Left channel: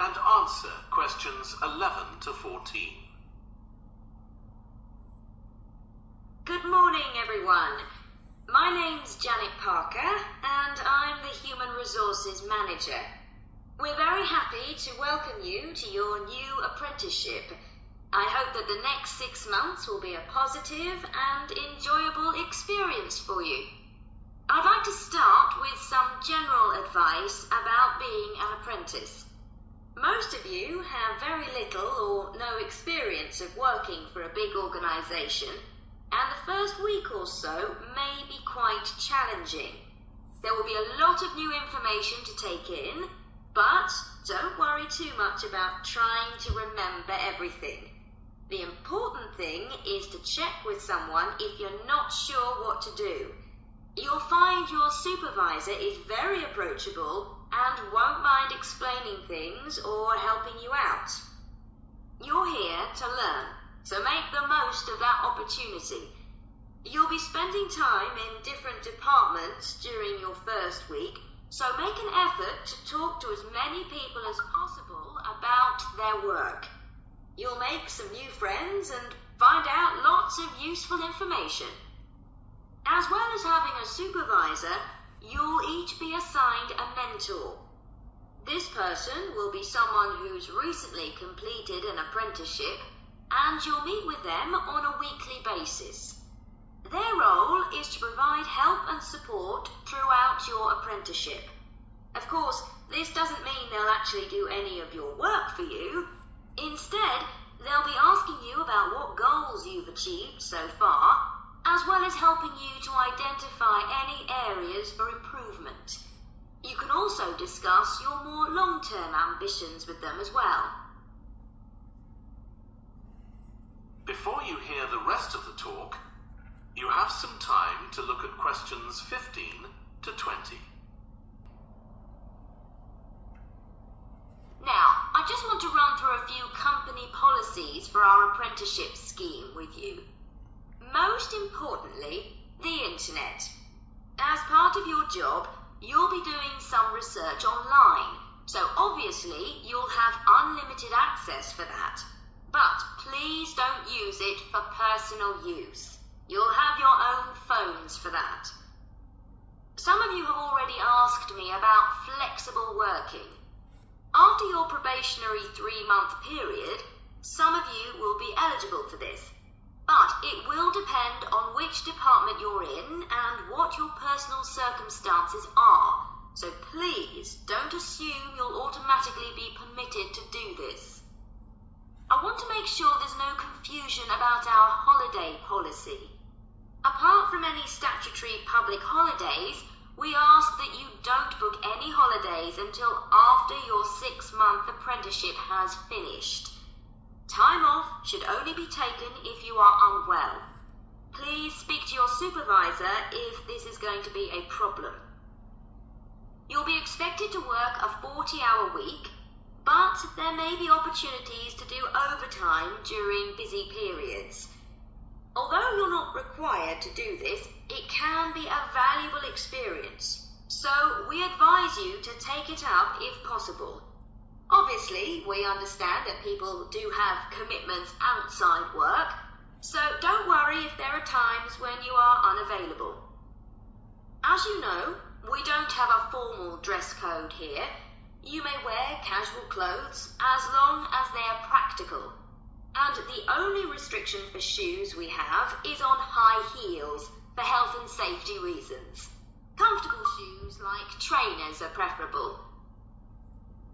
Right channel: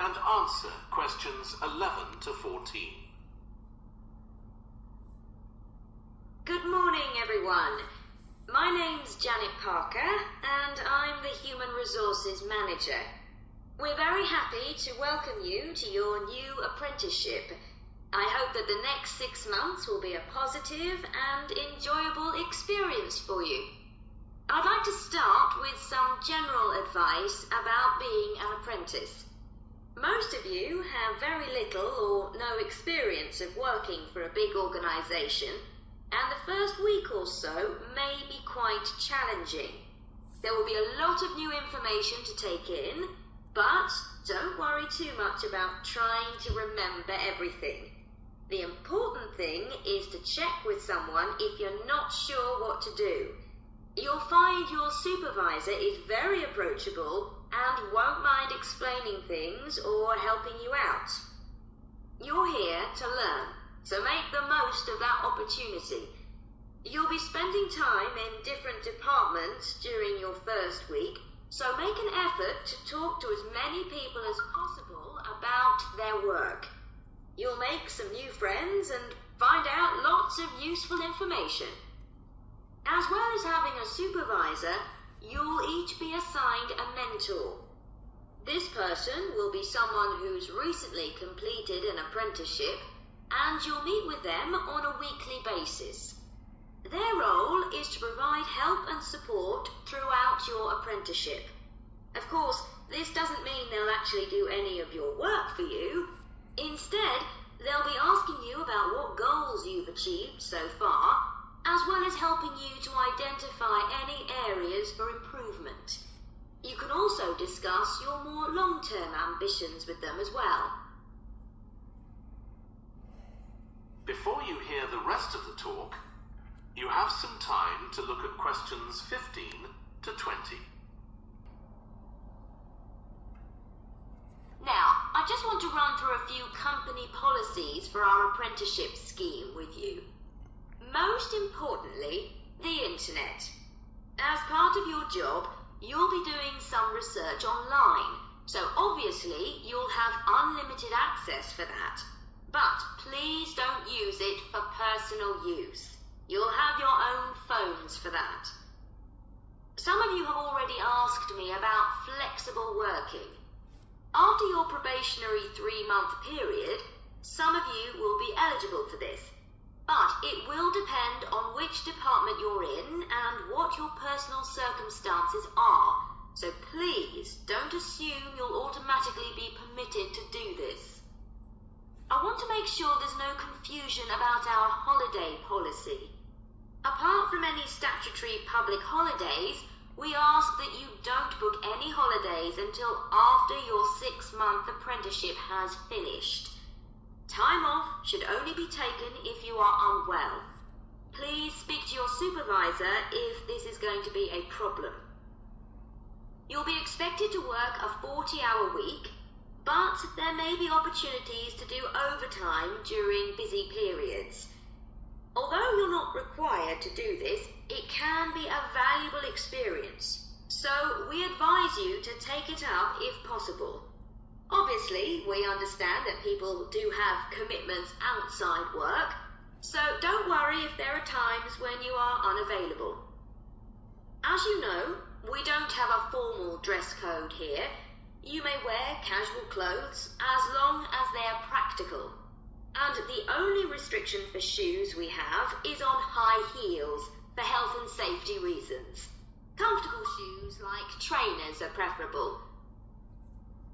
and answer questions 11 to 14. Good morning, everyone. My name's Janet Parker, and I'm the Human Resources Manager. We're very happy to welcome you to your new apprenticeship. I hope that the next 6 months will be a positive and enjoyable experience for you. I'd like to start with some general advice about being an apprentice. Most of you have very little or no experience of working for a big organisation, and the first week or so may be quite challenging. There will be a lot of new information to take in, but don't worry too much about trying to remember everything. The important thing is to check with someone if you're not sure what to do. You'll find your supervisor is very approachable and won't mind explaining things or helping you out. You're here to learn, so make the most of that opportunity. You'll be spending time in different departments during your first week, so make an effort to talk to as many people as possible about their work. You'll make some new friends and find out lots of useful information. As well as having a supervisor, you'll each be assigned a mentor. This person will be someone who's recently completed an apprenticeship, and you'll meet with them on a weekly basis. Their role is to provide help and support throughout your apprenticeship. Of course, this doesn't mean they'll actually do any of your work for you. Instead, they'll be asking you about what goals you've achieved so far, as well as helping you to identify any areas for improvement. You can also discuss your more long-term ambitions with them as well. Before you hear the rest of the talk, you have some time to look at questions 15 to 20. Now, I just want to run through a few company policies for our apprenticeship scheme with you. Most importantly, the internet. As part of your job, you'll be doing some research online, so obviously you'll have unlimited access for that. But please don't use it for personal use. You'll have your own phones for that. Some of you have already asked me about flexible working. After your probationary 3-month period, some of you will be eligible for this, but it will depend on which department you're in and what your personal circumstances are, so please don't assume you'll automatically be permitted to do this. I want to make sure there's no confusion about our holiday policy. Apart from any statutory public holidays, we ask that you don't book any holidays until after your 6-month apprenticeship has finished. Time off should only be taken if you are unwell. Please speak to your supervisor if this is going to be a problem. You'll be expected to work a 40-hour week, but there may be opportunities to do overtime during busy periods. Although you're not required to do this, it can be a valuable experience, so we advise you to take it up if possible. Obviously, we understand that people do have commitments outside work, so don't worry if there are times when you are unavailable. As you know, we don't have a formal dress code here. You may wear casual clothes as long as they are practical. And the only restriction for shoes we have is on high heels for health and safety reasons. Comfortable shoes like trainers are preferable.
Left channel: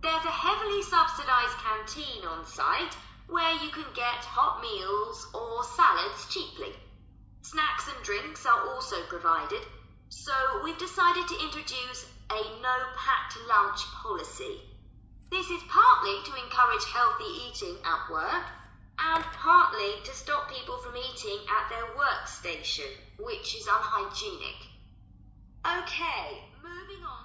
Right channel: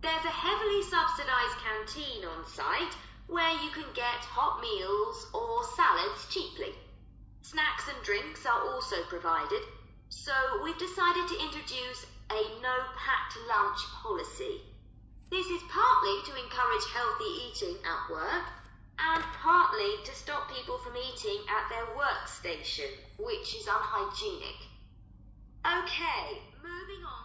There's a heavily subsidised canteen on site where you can get hot meals or salads cheaply. Snacks and drinks are also provided, so we've decided to introduce a no-packed lunch policy. This is partly to encourage healthy eating at work, and partly to stop people from eating at their workstation, which is unhygienic. Okay, moving on